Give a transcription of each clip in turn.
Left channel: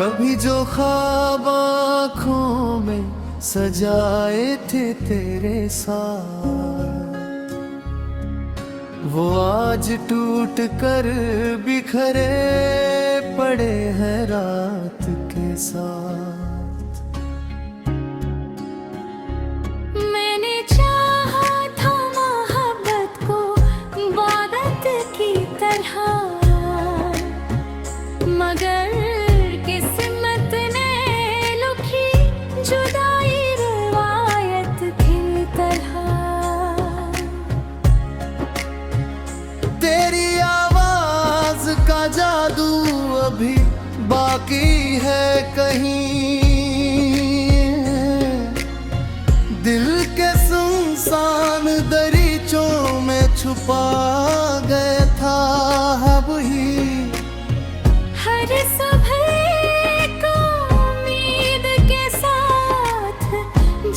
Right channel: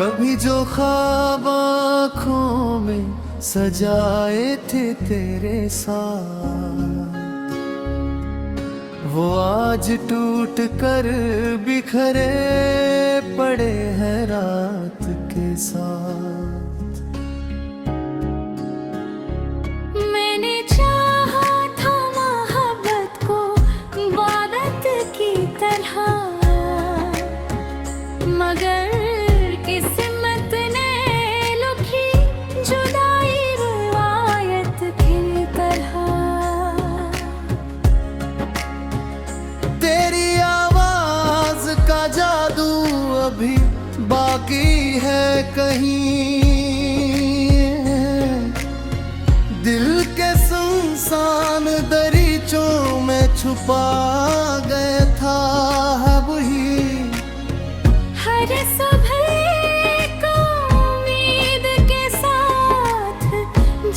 कभी जो ख्वाब आँखों में सजाए थे तेरे साथ, वो आज टूट कर बिखरे पड़े हैं रात के साथ। मैंने चाहा था मोहब्बत को इबादत की तरह, मगर किस्मत ने लिखी जुदाई रिवायत की तरह। तेरी आवाज का जादू अभी बाकी है कहीं, दिल के सुनसान दरीचों में छुपा गया था वही। हर सुबह को उम्मीद के साथ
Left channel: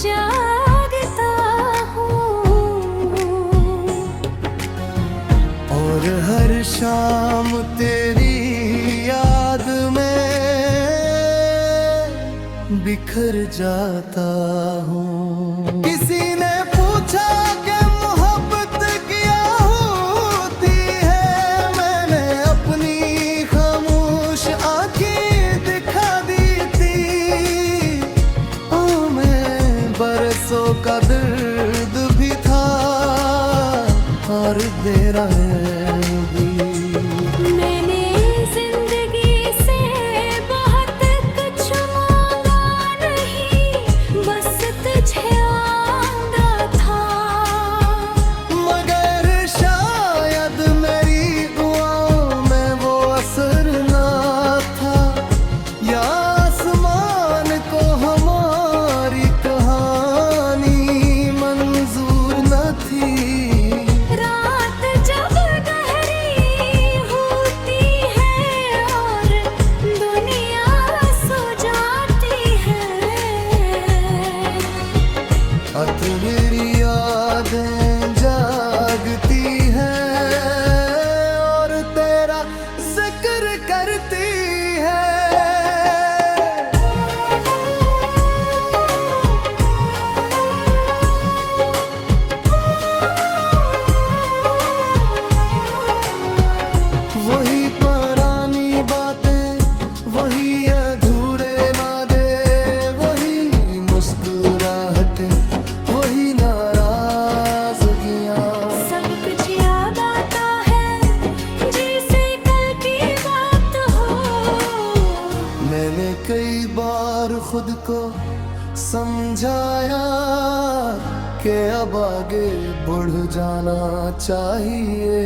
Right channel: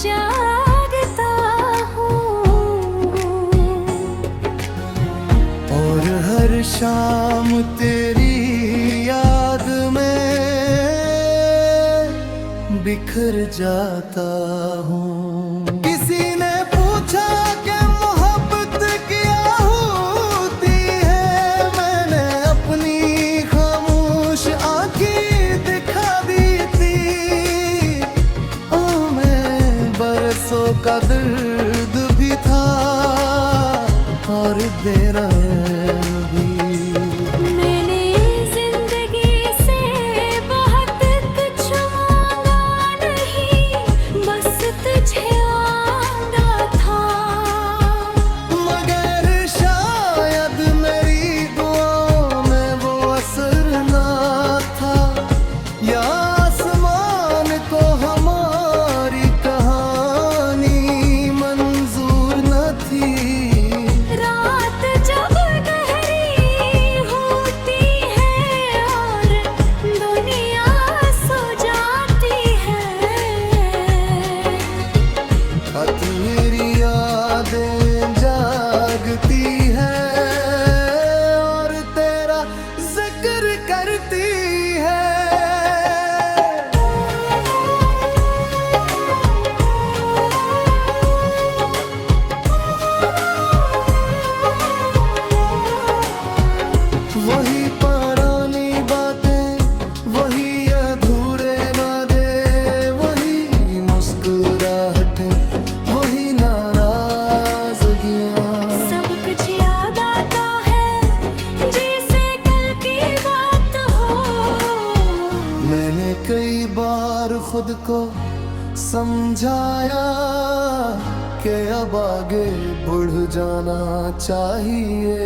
जागता हूँ, और हर शाम तेरी याद में बिखर जाता हूँ। किसी ने पूछा कि मोहब्बत क्या होती है, मैंने अपनी खामोश आँखें दिखा दी थी। मैं बरसों का दर्द भी था और दे रहा है भी। मैंने जिंदगी से बहुत कुछ मांगा नहीं, बस तुझे मांगा था। मगर शायद मेरी दुआओं में वो असर ना था, या आसमान को हमारी कहानी मंजूर न थी। रात जब गहरी होती है और दुनिया सो जाती है, तेरी यादें जागती है और तेरा जिक्र करती है। वही पुरानी बातें, वही अधूरे नादे, वही मुस्कुराहट, वही नाराजगियाँ। सब कुछ याद आता है जैसे कल की बात हो। मैंने कई बार खुद को समझाया कि अब आगे बढ़ जाना चाहिए,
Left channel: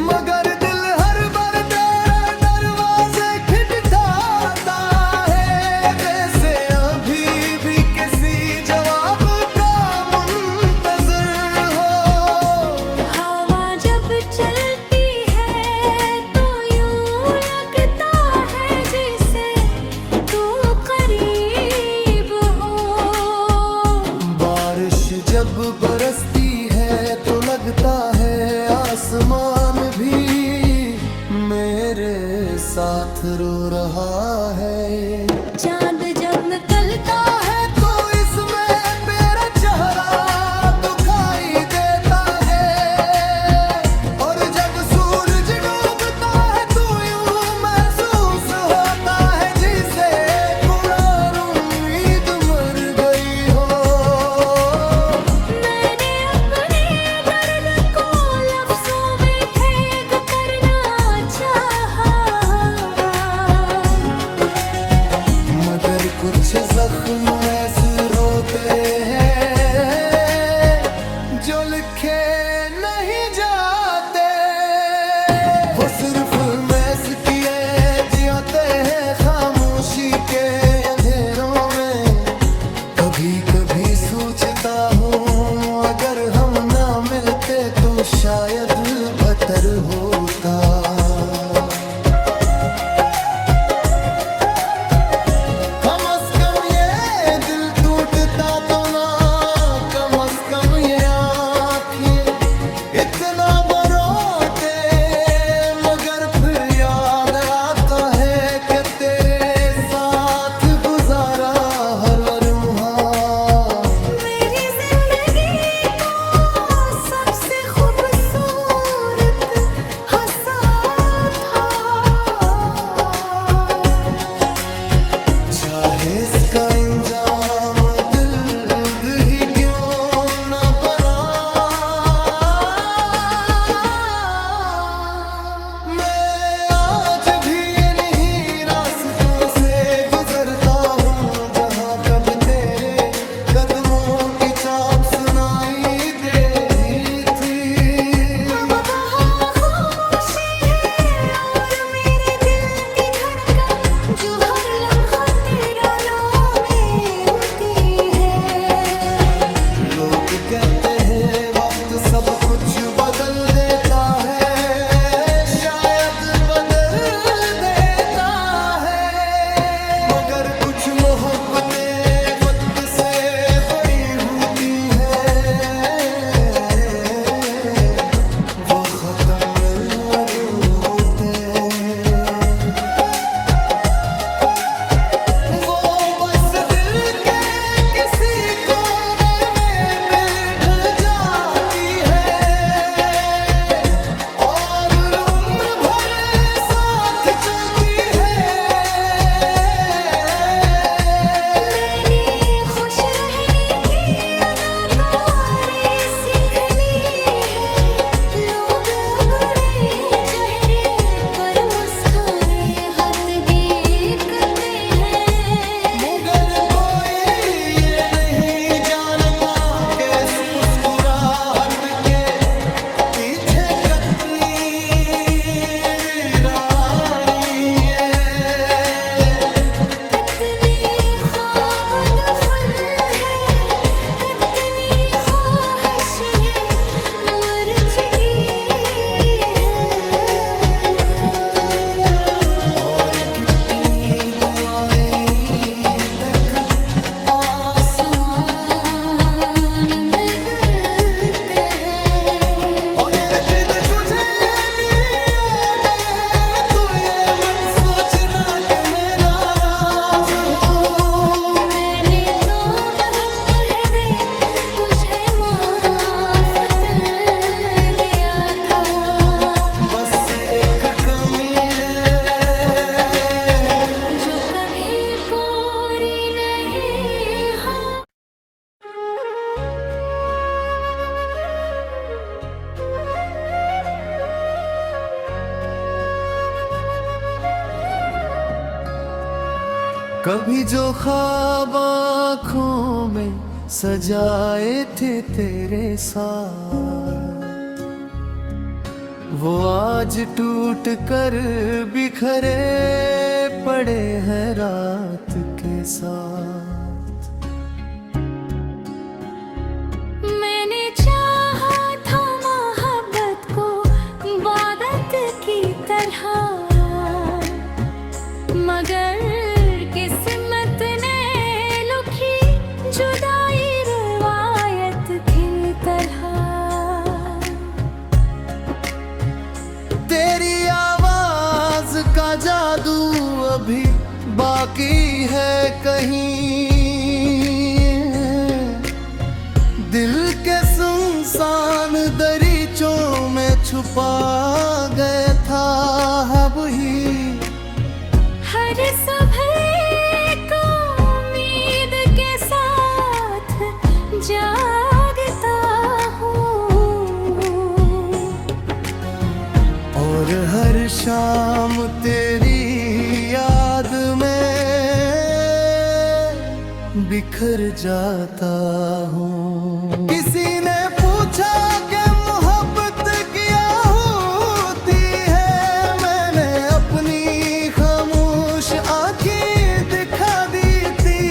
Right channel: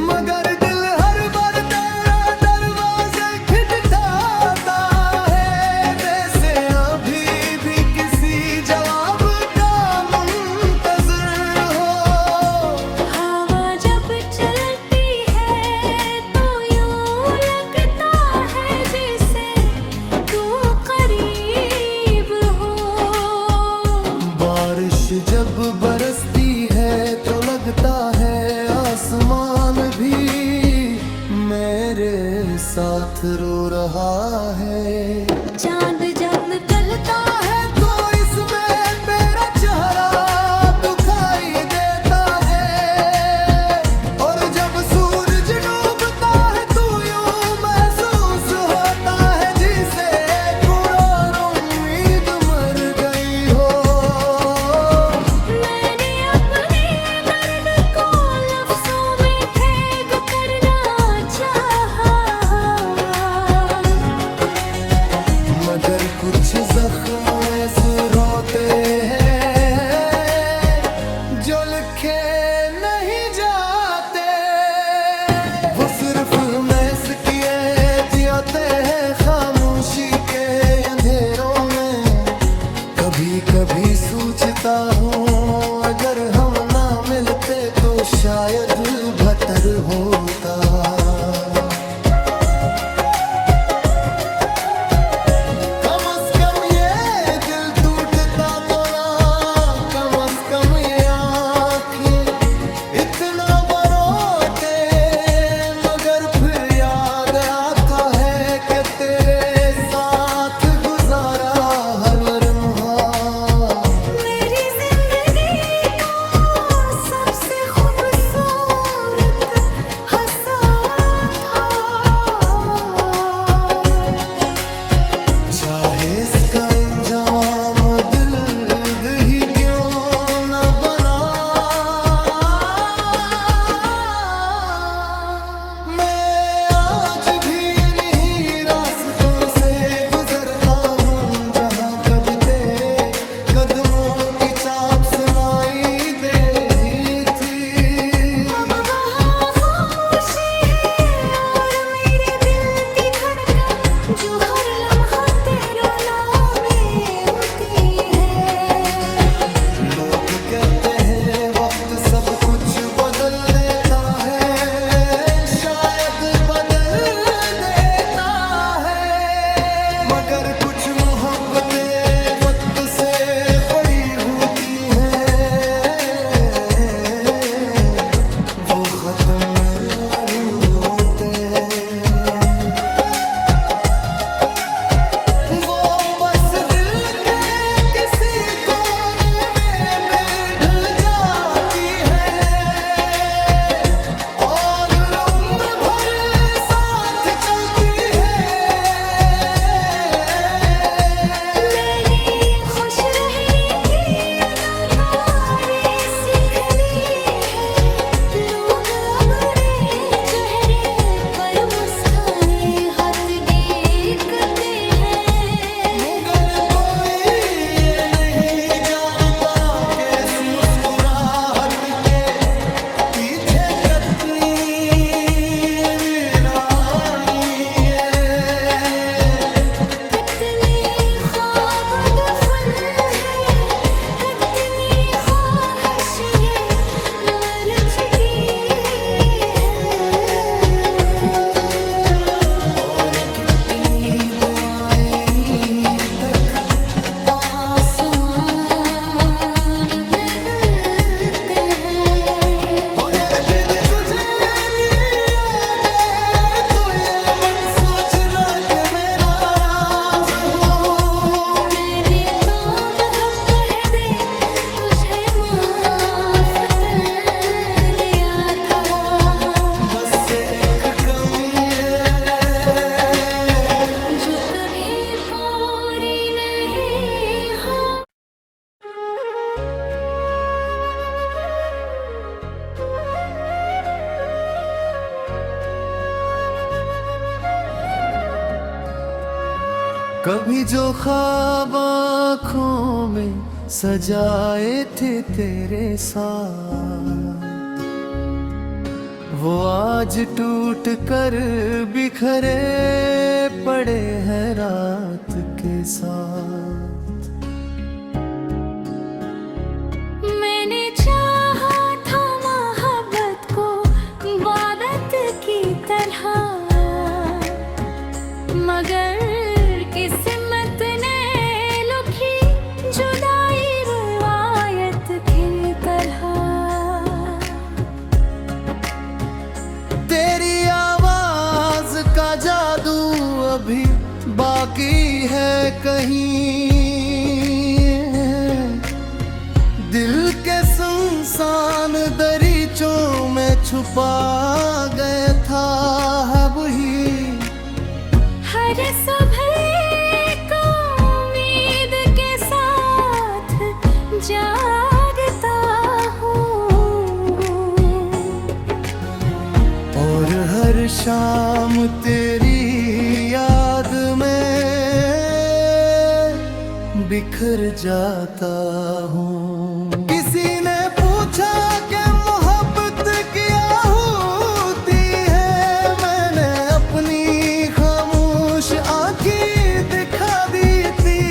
मगर दिल हर बार तेरे दरवाजे खटखटाता है, जैसे अभी भी किसी जवाब का मुंतज़िर हो। हवा जब चलती है तो यूं लगता है जैसे तू करीब हो। बारिश जब बरसती है तो लगता है आसमान भी मेरे साथ रो रहा है। चांद जब निकलता है तो इसमें तेरा चेहरा दिखाई देता है, और जब सूरज डूबता है तो यूं महसूस होता है जिसे कुरान उम्मीद मर गई हो। मैंने अपने दर्द को लफ्जों में फेंक करना चाहा, मगर कुछ जख्म ऐसे रोते हैं जो लिखे नहीं जाते। वो सिर्फ मैस किए जियाते हैं खामोशी के अंधेरों में। कभी कभी सोचता हूँ अगर हम ना मिलते तो शायद बेहतर होता। इतना बरोते मगर फिर याद आता है कि तेरे साथ कदमों की चाप सुनाई दे रही थी। अब वहाँ खामोशी है और मेरे दिल की धड़कन जो हर लम्हा तेरा नाम में होती है। लोग कहते हैं वक्त सब कुछ बदल देता है, शायद बदल देता है, मगर कुछ मोहब्बतें वक्त से बड़ी होती हैं, वो खत्म होते वो बस दिल के किसी कोने में बिध जाती है और उम्र भर साथ चलती है। मैंने खुश रहने की अदाकारी सीख ली है, लोग अब रे चेहरे पर मुस्काने हंस देखते हैं। मगर कोई ये नहीं जानता कि इस मुस्कुराहट के पीछे कितनी वीरानी है। कितने ख्वाब दफन है, कितनी ख्वाहिशें मर चुकी है, और कितनी दुआएं तक आसमान में गिरते हैं। और इर्द तुझे मेरी यादें, तू ये मत सोचना कि मैं नाराज हूँ। मैंने तो बहुत कह दे तुझे माफ कर दिया था, बस एक कमी है जो कभी पूरी नहीं हो। कभी जो ख्वाब आँखों में सजाए थे तेरे साथ, वो आज टूट कर बिखरे पड़े हैं रात के साथ। मैंने चाहा था मोहब्बत को इबादत की तरह, मगर किस्मत ने लिखी जुदाई रिवायत की तरह। तेरी आवाज का जादू अभी बाकी है कहीं, दिल के सुनसान दरीचों में छुपा गया था वही। हर सुबह को उम्मीद के साथ जागता हूँ, और हर शाम तेरी याद में बिखर जाता हूँ। किसी ने पूछा कि मोहब्बत क्या होती है, मैंने अपनी खामोश आँखें दिखा दी थी।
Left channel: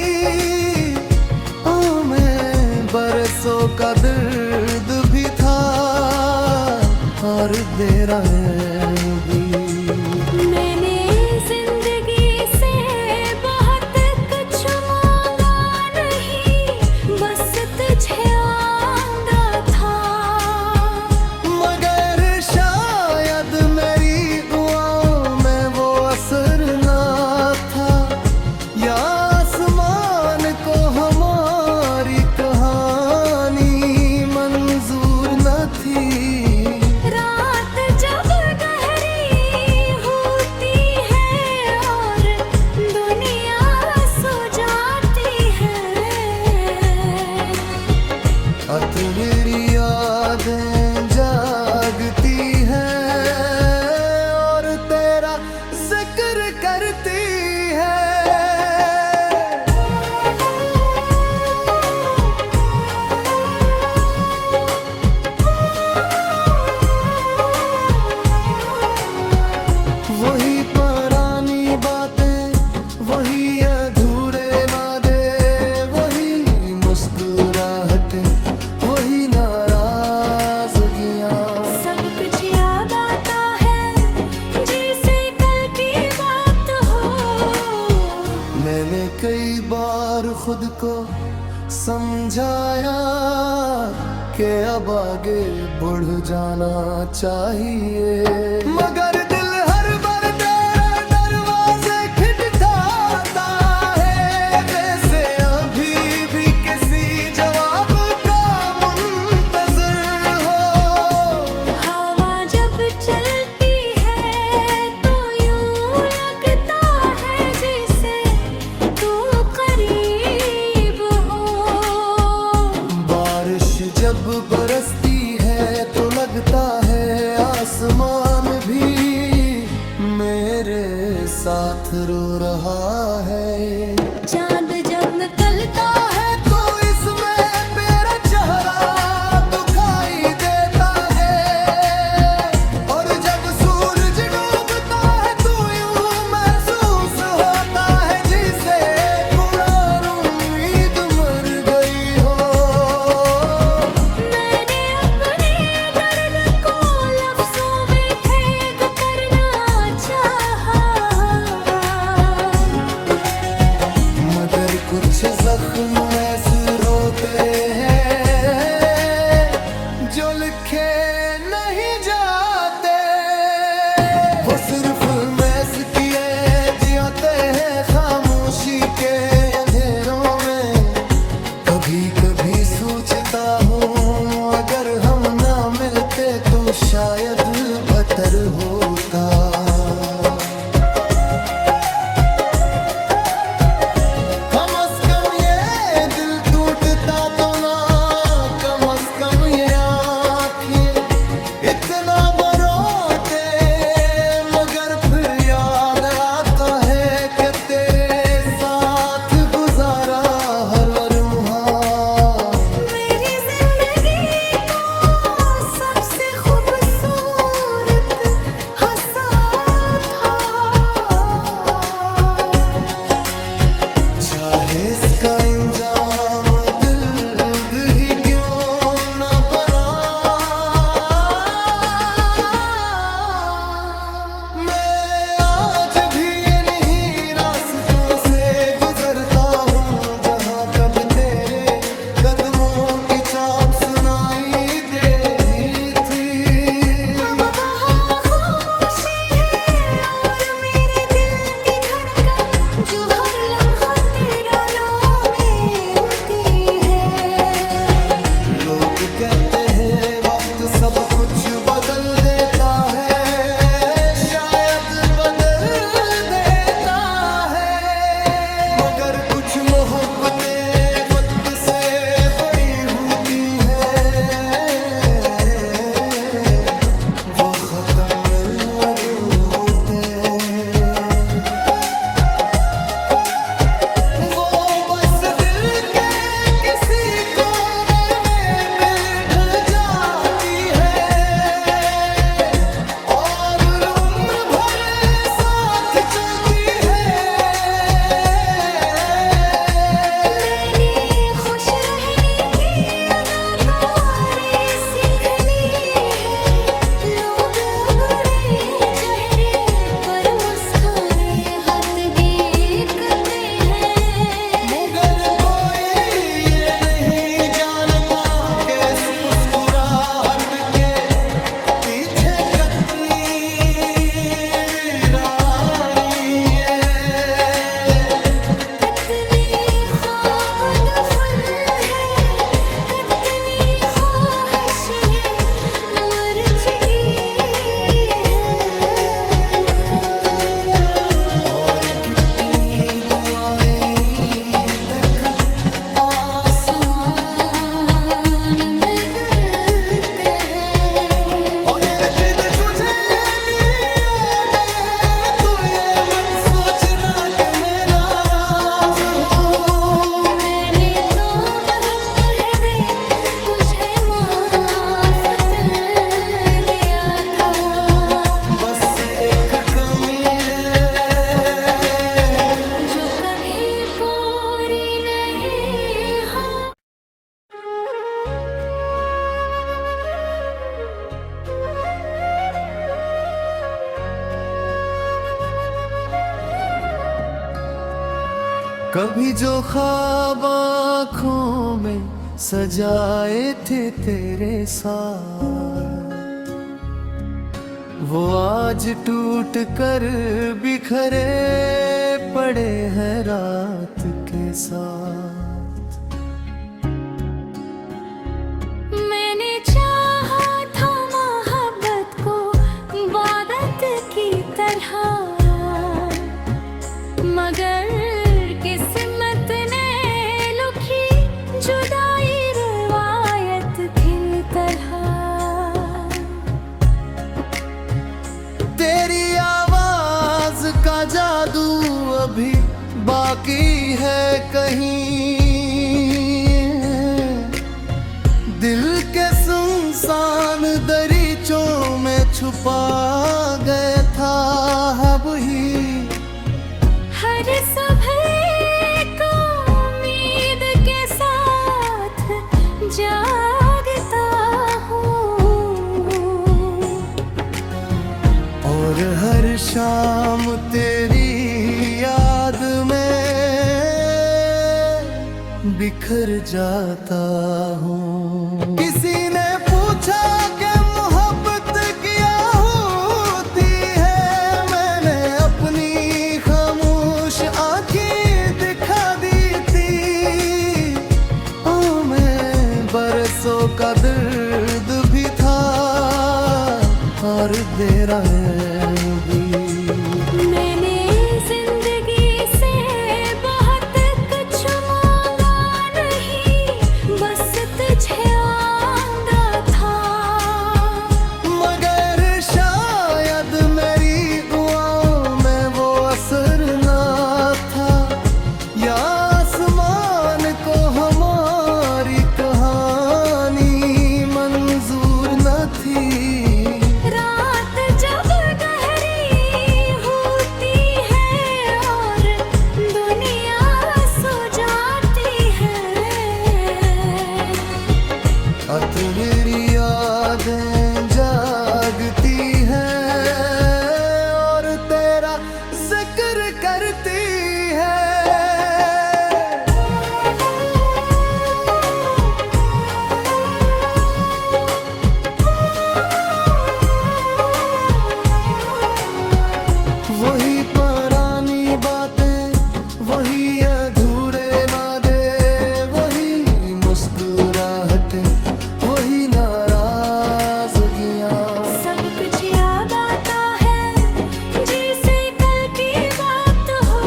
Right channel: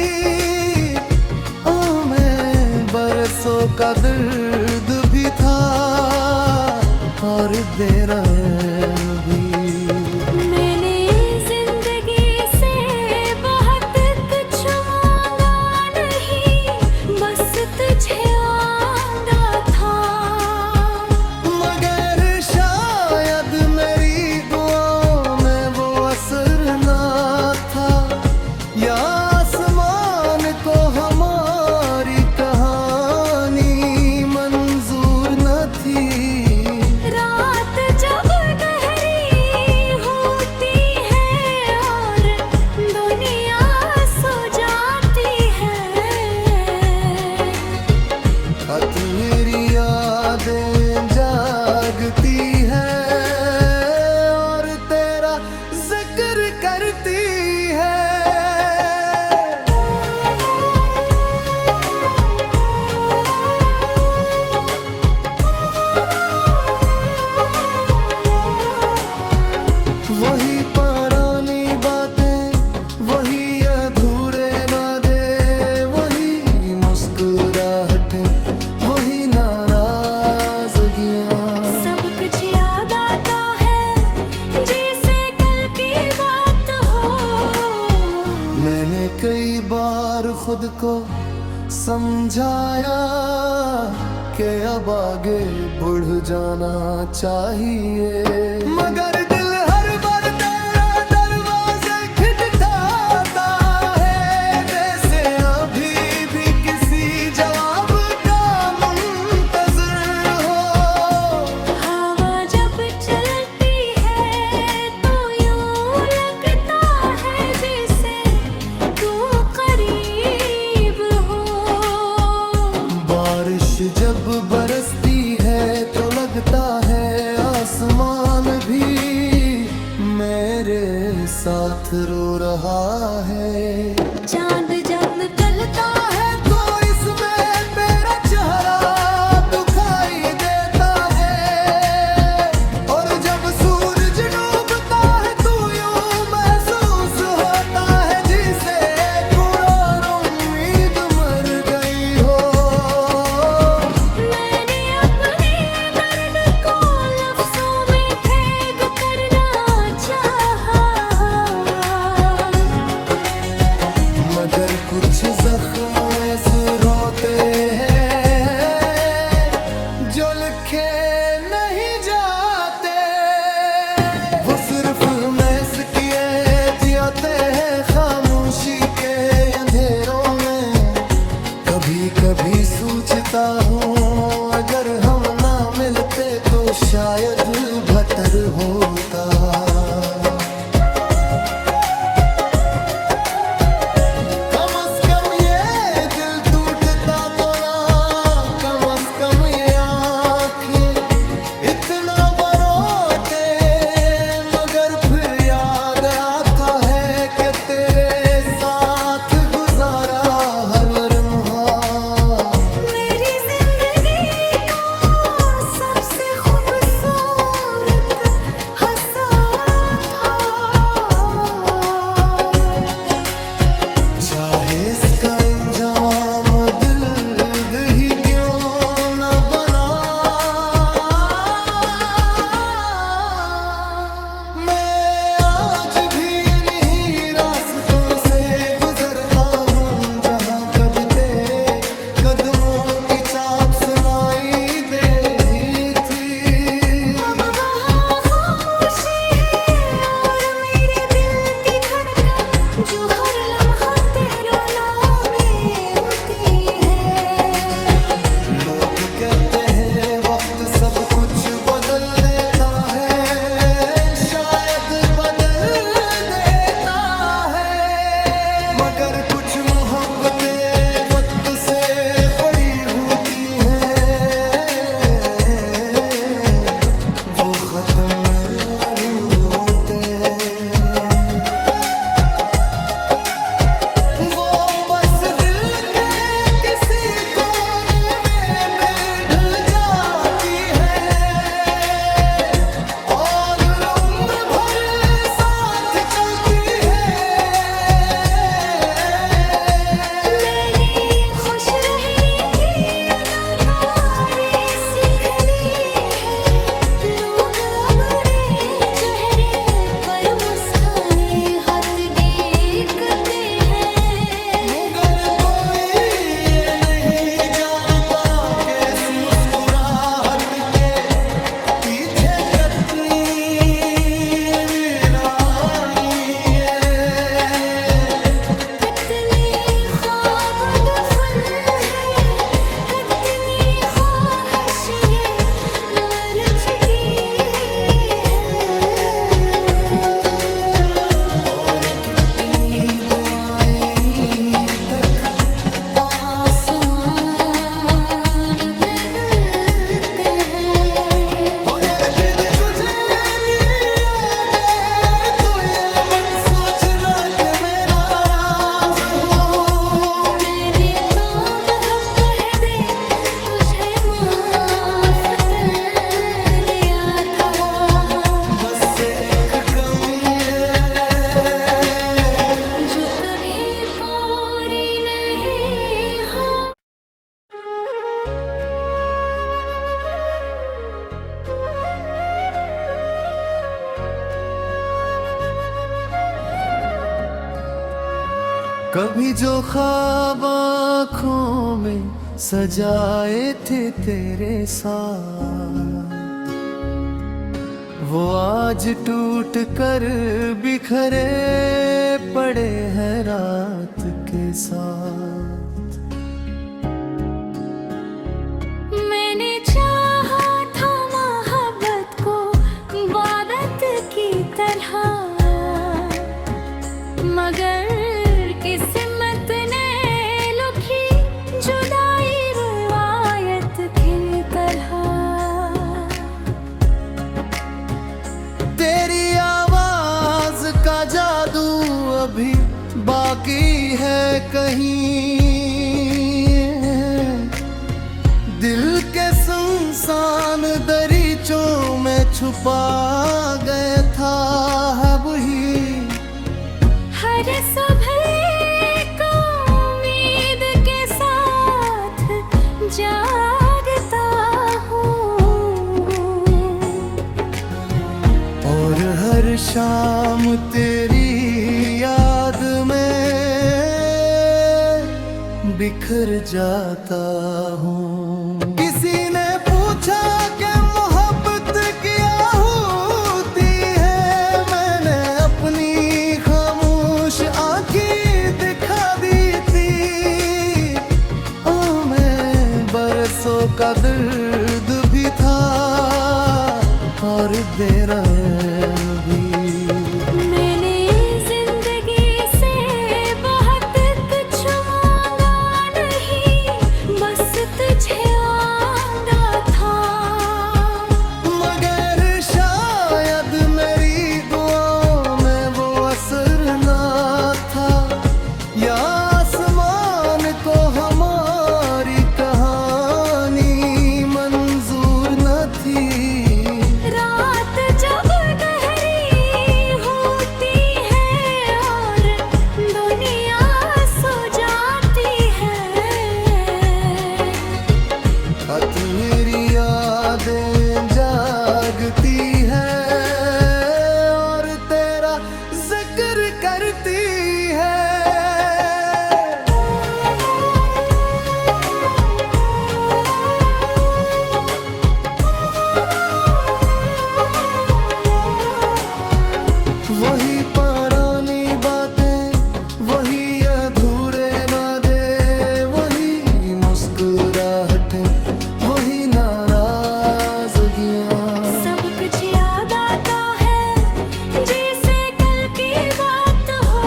मैं बरसों का दर्द भी था और दे रहा है भी। मैंने जिंदगी से बहुत कुछ मांगा नहीं, बस तुझे आंगा था, मगर शायद मेरी दुआओं में वो असर ना था, या आसमान को हमारी कहानी मंजूर न थी। रात जब गहरी होती है और दुनिया सो जाती है, तेरी यादें जागती हैं और तेरा जिक्र करती है। बैठे वही नाराजगियां। सब कुछ याद आता है जैसे कल की बात हो। मैंने कई बार खुद को समझाया कि अब आगे बढ़ जाना चाहिए, मगर दिल हर बार तेरे दरवाजे खटखटाता है, जैसे अभी भी किसी जवाब का मुंतज़िर हो। हवा जब चलती है तो यूं लगता है जैसे तू करीब हो। बारिश जब बरसती है तो लगता है आसमान भी मेरे साथ रो रहा है। चांद जब निकलता है तो इसमें तेरा चेहरा दिखाई देता है, और जब सूरज डूबता है तो यूं महसूस होता है जिसे कुरान उम्मीद मर गई हो। मैंने अपने दर्द को लफ्जों में कैद करना चाहा, मगर कुछ जख्म ऐसे रोते हैं जो लिखे नहीं जाते, वो सिर्फ मैस किए जियाते हैं खामोशी के अंधेरों में। कभी कभी सोचता हूँ अगर हम ना मिलते तो शायद बेहतर होता। कम से कम ये दिल टूटता तो ना, कम से कम ये आँखें इतना बरोते, मगर फिर याद आता है कि तेरे साथ गुजारा हर लम्हा मेरी जिंदगी का सबसे खूबसूरत हंसा था। चाहे इसका इंजाम दिल ही क्यों न बना, मैं आज भी इन्हीं रास्तों से गुजरता हूँ जहाँ कभी तेरे कदमों की चाप सुनाई दे रही थी। अब वहाँ खामोशी है और मेरे दिल की धड़कन जो हर लम्हा तेरा नाम में होती है। लोग कहते हैं वक्त सब कुछ बदल देता है, शायद बदल देता है, मगर कुछ मोहब्बतें वक्त से बड़ी होती हैं, वो खत्म होते वो बस दिल के किसी कोने में बिध जाती है, और उम्र भर साथ चलती है। मैंने खुश रहने की अदाकारी सीख ली है, लोग अपने चेहरे पर मुस्काने हंस देखते हैं, मगर कोई ये नहीं जानता कि इस मुस्कुराहट के पीछे कितनी वीरानी है। कितने ख्वाब दफन है, कितनी ख्वाहिशें मर चुकी है, और कितनी दुआएं तक आसमान में गिरते हैं। और इर्द-गिर्द तुझे मेरी यादें, तू ये मत सोचना कि मैं नाराज हूँ। मैंने तो बहुत कह दे तुझे माफ कर दिया था, बस एक कमी है जो कभी पूरी नहीं हो। कभी जो ख्वाब आँखों में सजाए थे तेरे साथ, वो आज टूट कर बिखरे पड़े हैं रात के साथ। मैंने चाहा था मोहब्बत को इबादत की तरह, मगर किस्मत ने लिखी जुदाई रिवायत की तरह। तेरी आवाज का जादू अभी बाकी है कहीं, दिल के सुनसान दरीचों में छुपा गया था वही। हर सुबह को उम्मीद के साथ जागता हूँ, और हर शाम तेरी याद में बिखर जाता हूँ। किसी ने पूछा कि मोहब्बत क्या होती है, मैंने अपनी खामोश आंखें दिखा दी थी। मैं बरसों का दर्द भी था और तेरा भी। मैंने जिंदगी से बहुत कुछ मांगा नहीं, बस तुझे आंगा था। मगर शायद मेरी दुआओं में वो असर ना था, या आसमान को हमारी कहानी मंजूर न थी। रात जब गहरी होती है और दुनिया सो जाती है, तेरी यादें जागती हैं और तेरा जिक्र करती है। वही पुरानी बातें, वही अधूरे नादे, वही मुस्कुराहट, वही नाराजगियाँ। सब कुछ याद आता है जैसे कल की बात हो।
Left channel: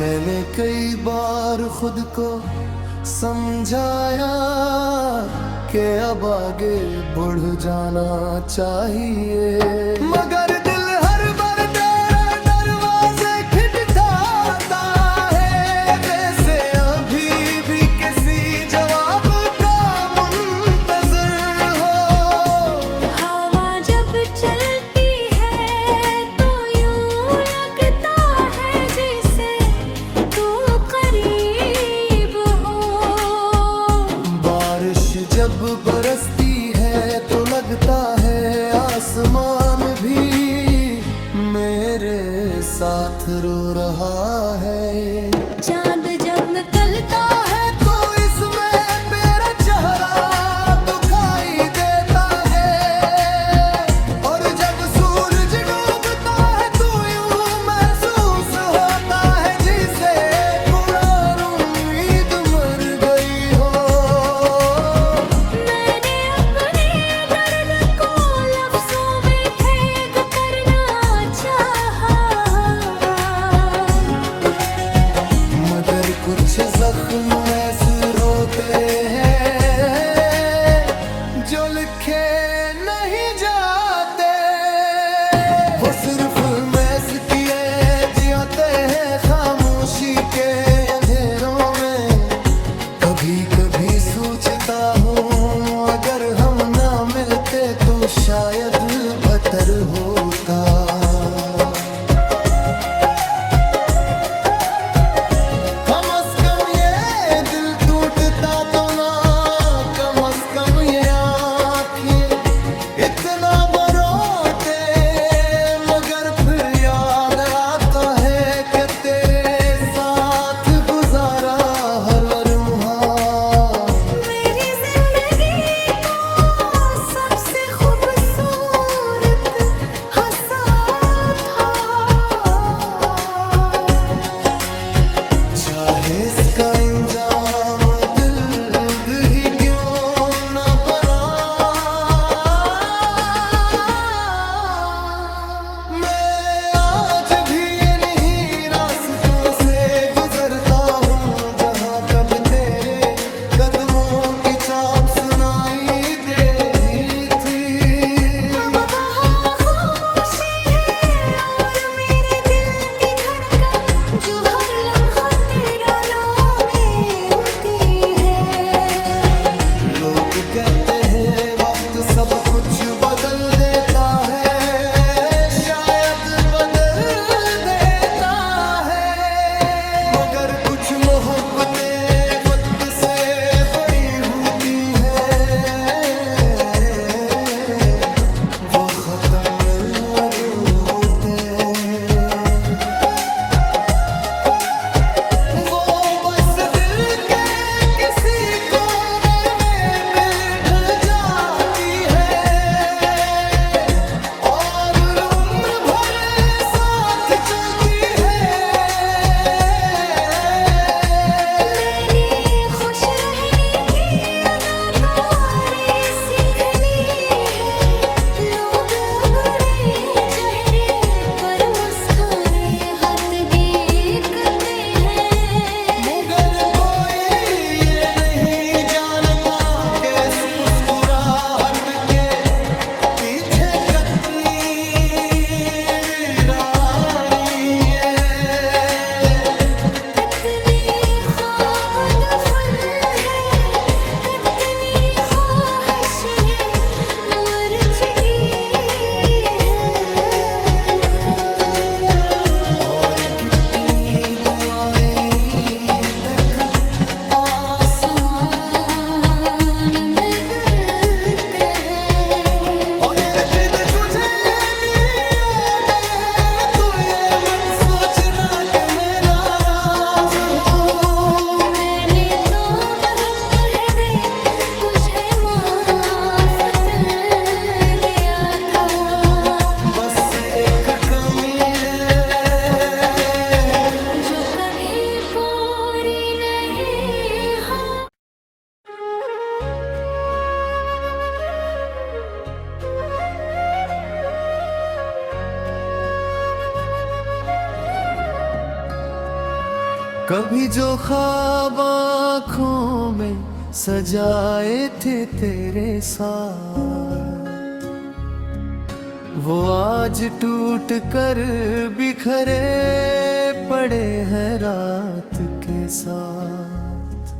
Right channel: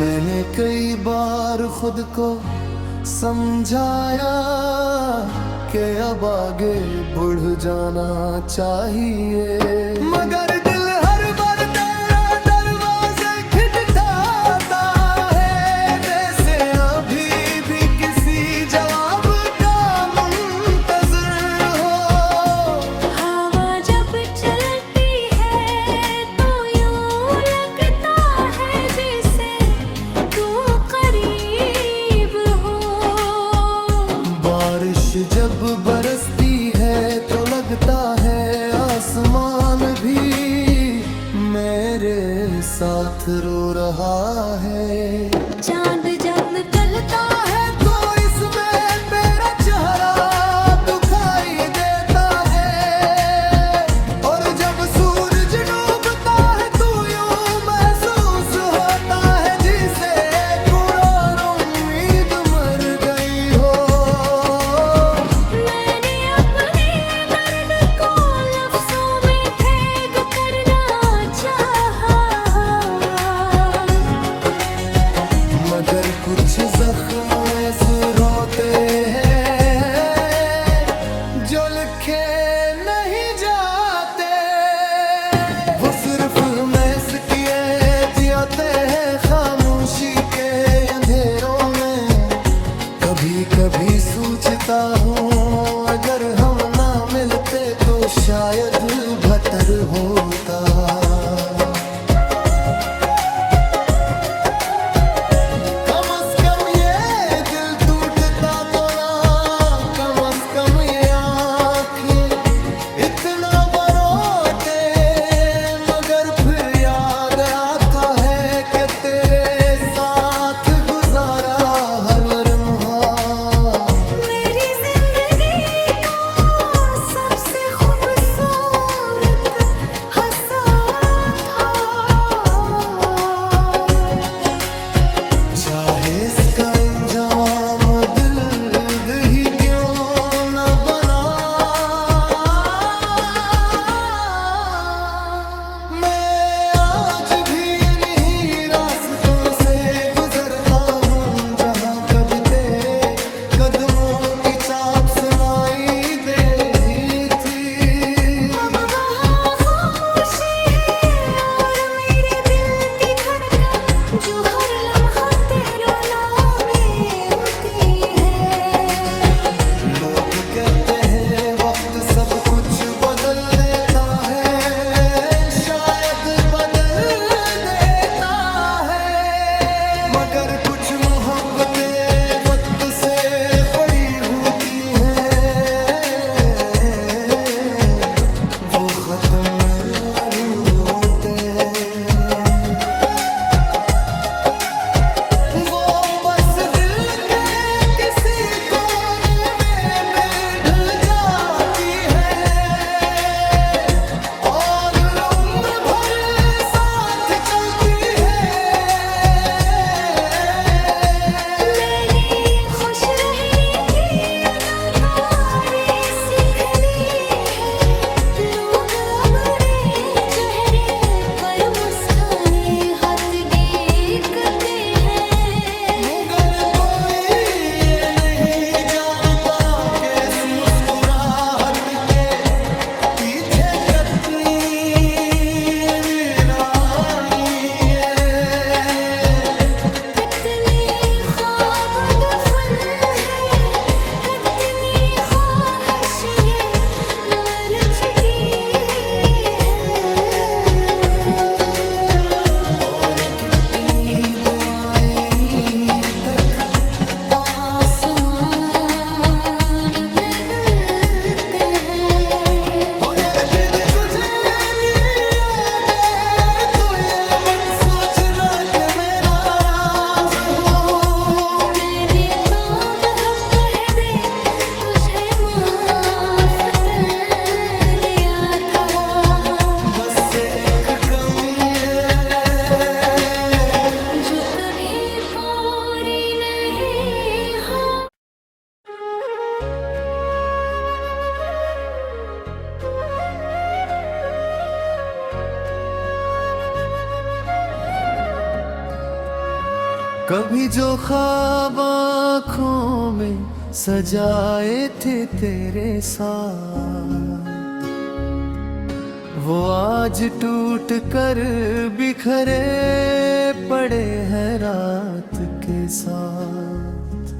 मैंने कई बार खुद को समझाया कि अब आगे बढ़ जाना चाहिए, मगर दिल हर बार तेरे दरवाजे खटखटाता है, जैसे अभी भी किसी जवाब का मुंतज़िर हो। हवा जब चलती है तो यूं लगता है जैसे तू करीब हो। बारिश जब बरसती है तो लगता है आसमान भी मेरे साथ रो रहा है। चांद जब निकलता है तो इसमें तेरा चेहरा दिखाई देता है, और जब सूरज डूबता है तो यूं महसूस होता है जिसे कुरार उम्मीद मर गई हो। मैंने अपने दर्द को लफ्जों में कैद करना चाहा, मगर कुछ जख्म ऐसे रोते हैं जो लिखे नहीं जाते, वो सिर्फ मैस किए जियाते हैं खामोशी के अंधेरों में। कभी कभी सोचता हूँ अगर हम ना मिलते तो शायद बेहतर होता। इतना बरोते मगर फिर याद आता है कि तेरे साथ के कदमों की चाप सुनाई दे रही थी। अब वहाँ खामोशी है और मेरे दिल की धड़कन जो हर लम्हा तेरा नाम में होती है। लोग कहते हैं वक्त सब कुछ बदल देता है, शायद बदल देता है, मगर कुछ मोहब्बतें वक्त से बड़ी होती हैं, वो खत्म होते वो बस दिल के किसी कोने में बिखर जाती है और उम्र भर साथ चलती है। मैंने खुश रहने की अदाकारी सीख ली है, लोग अपने चेहरे पर मुस्काने हाथ देखते हैं, मगर कोई ये नहीं जानता कि इस मुस्कुराहट के पीछे कितनी वीरानी है। कितने ख्वाब दफन है, कितनी ख्वाहिशें मर चुकी है, और कितनी दुआएं तक आसमान में गिरते हैं। और इर्द-गिर्द तुझे मेरी यादें, तू ये मत सोचना कि मैं नाराज हूँ। मैंने तो बहुत कह दे तुझे माफ कर दिया था, बस एक कमी है जो कभी पूरी नहीं हो। कभी जो ख्वाब आँखों में सजाए थे तेरे साथ, वो आज टूट कर बिखरे पड़े हैं रात के साथ।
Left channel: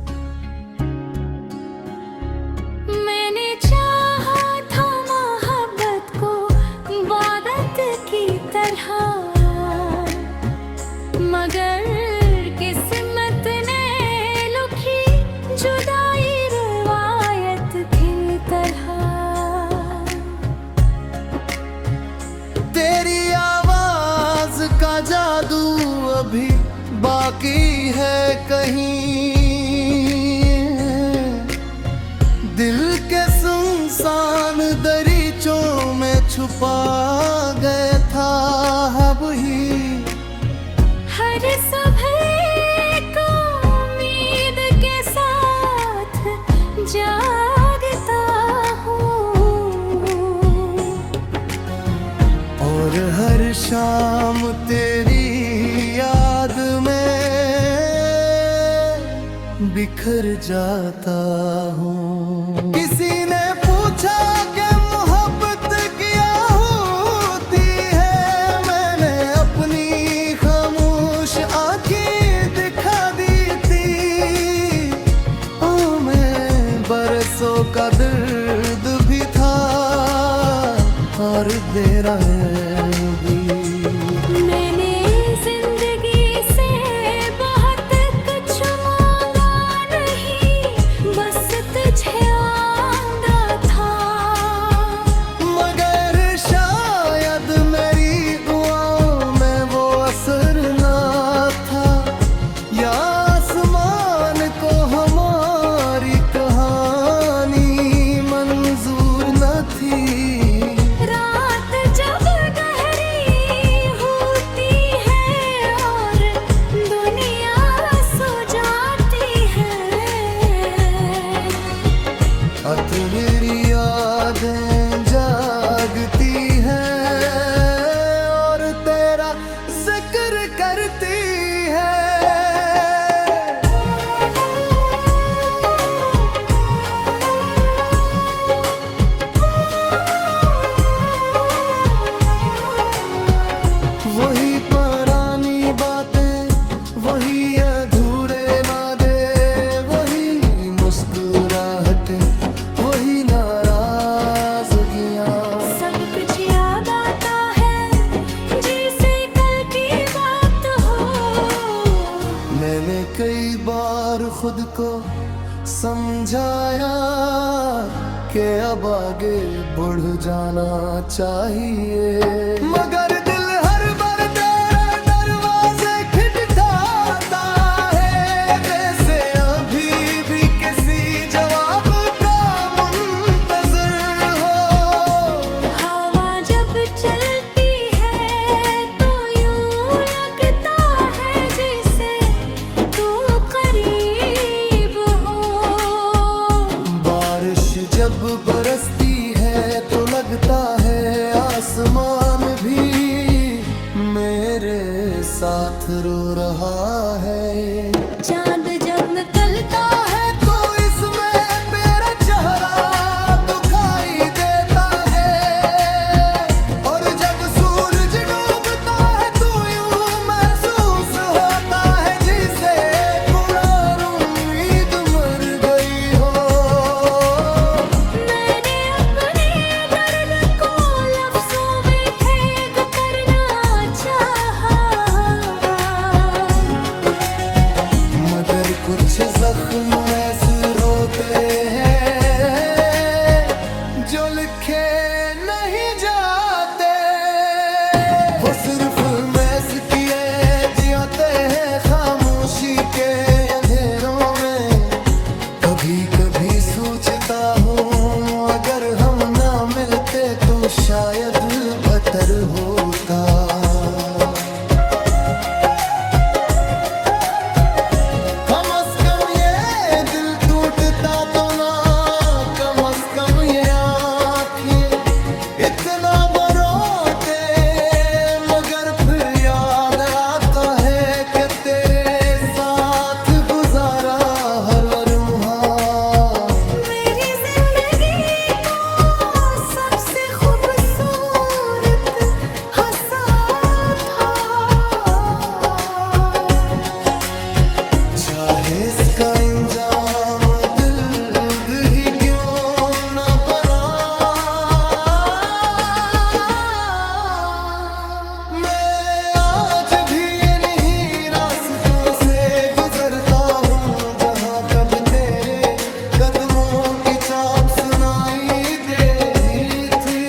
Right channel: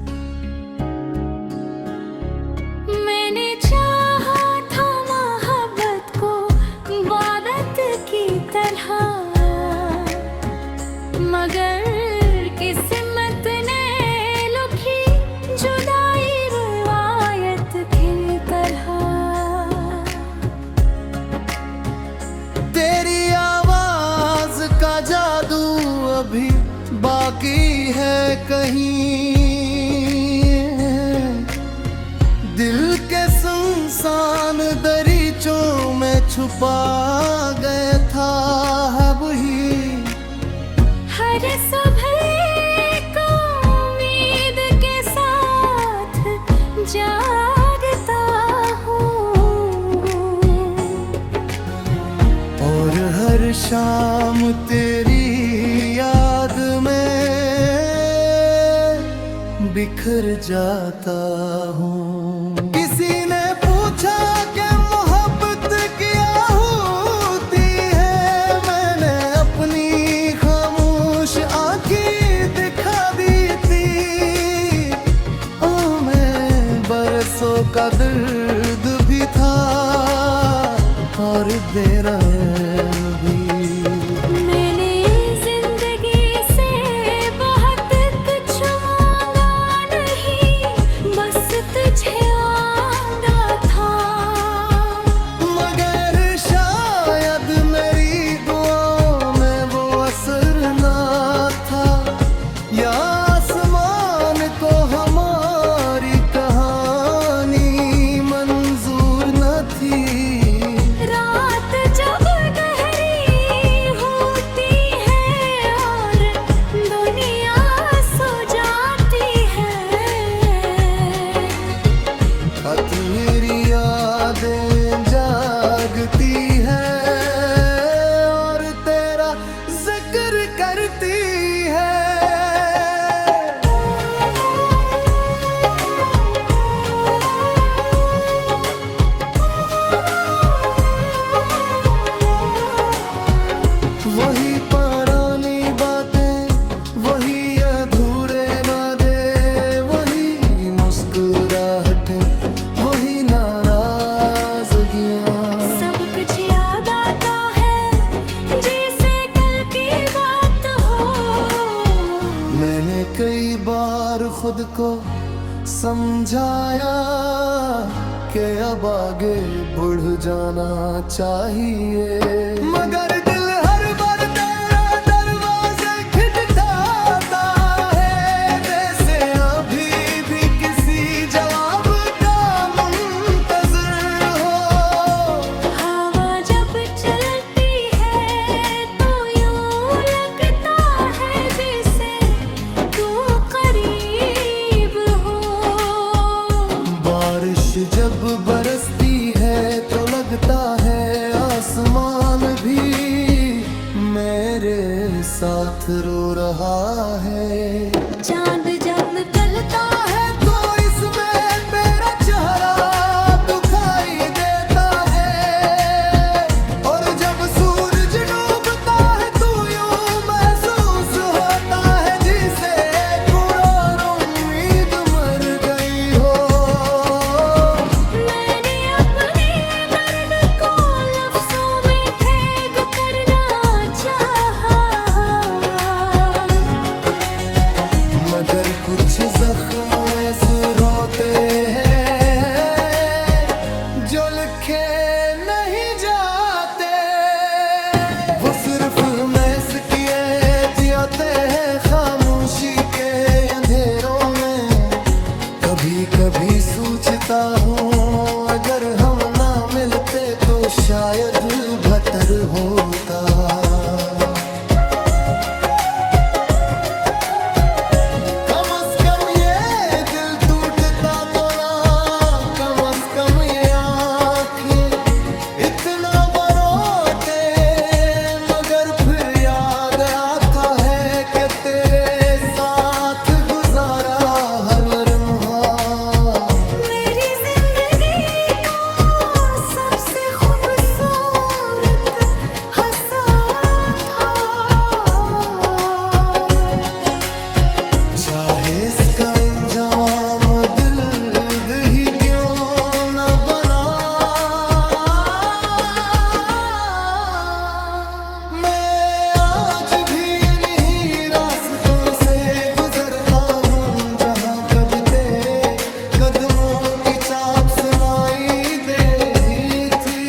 मैंने चाहा था मोहब्बत को इबादत की तरह, मगर किस्मत ने लिखी जुदाई रिवायत की तरह। तेरी आवाज का जादू अभी बाकी है कहीं, दिल के सुनसान दरीचों में छुपा गया था वही। हर सुबह को उम्मीद के साथ जागता हूँ, और हर शाम तेरी याद में बिखर जाता हूँ। किसी ने पूछा कि मोहब्बत क्या होती है, मैंने अपनी खामोश आँखें दिखा दी थी। मैं बरसों का दर्द भी था और दे रहा है भी। मैंने जिंदगी से बहुत कुछ मांगा नहीं, बस तुझे आंगा था, मगर शायद मेरी दुआओं में वो असर ना था, या आसमान को हमारी कहानी मंजूर न थी। रात जब गहरी होती है और दुनिया सो जाती है, तेरी यादें जागती हैं और तेरा जिक्र करती है। उठे वही नाराजगियां। सब कुछ याद आता है जैसे कल की बात हो। मैंने कई बार खुद को समझाया कि अब आगे बढ़ जाना चाहिए, मगर दिल हर बार तेरे दरवाजे खटखटाता है, जैसे अभी भी किसी जवाब का मुंतज़िर हो। हवा जब चलती है तो यूं लगता है जैसे तू करीब हो। बारिश जब बरसती है तो लगता है आसमान भी मेरे साथ रो रहा है। चांद जब निकलता है तो इसमें तेरा चेहरा दिखाई देता है, और जब सूरज डूबता है तो यूं महसूस होता है जिसे कुरान उम्मीद मर गई हो। मैंने अपने दर्द को लफ्जों में कैद करना चाहा, मगर कुछ जख्म ऐसे रोते हैं जो लिखे नहीं जाते, वो सिर्फ मैस किए जियाते हैं खामोशी के अंधेरों में। कभी कभी सोचता हूँ अगर हम ना मिलते तो शायद बेहतर होता। कम से कम ये दिल टूटता तो ना, कम से कम ये आँखें इतना बरोते, मगर फिर याद आता है कि तेरे साथ गुजारा हर लम्हा मेरी जिंदगी का सबसे खूबसूरत हंसा था। चाहे इसका इंजाम दिल ही क्यों न बना, मैं आज भी इन्हीं रास्तों से गुजरता हूँ जहाँ कभी तेरे कदमों की चाप सुनाई दे रही थी।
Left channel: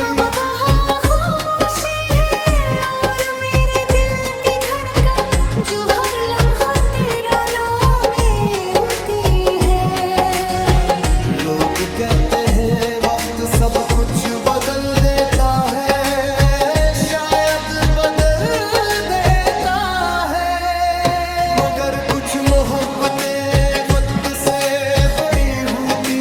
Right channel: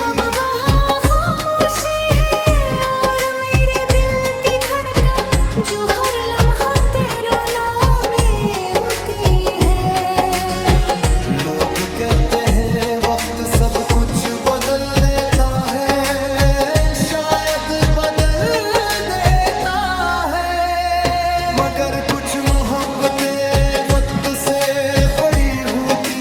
अब वहाँ खामोशी है और मेरे दिल की धड़कन जो हर लम्हा तेरा नाम में होती है। लोग कहते हैं वक्त सब कुछ बदल देता है, शायद बदल देता है, मगर कुछ मोहब्बतें वक्त से बड़ी होती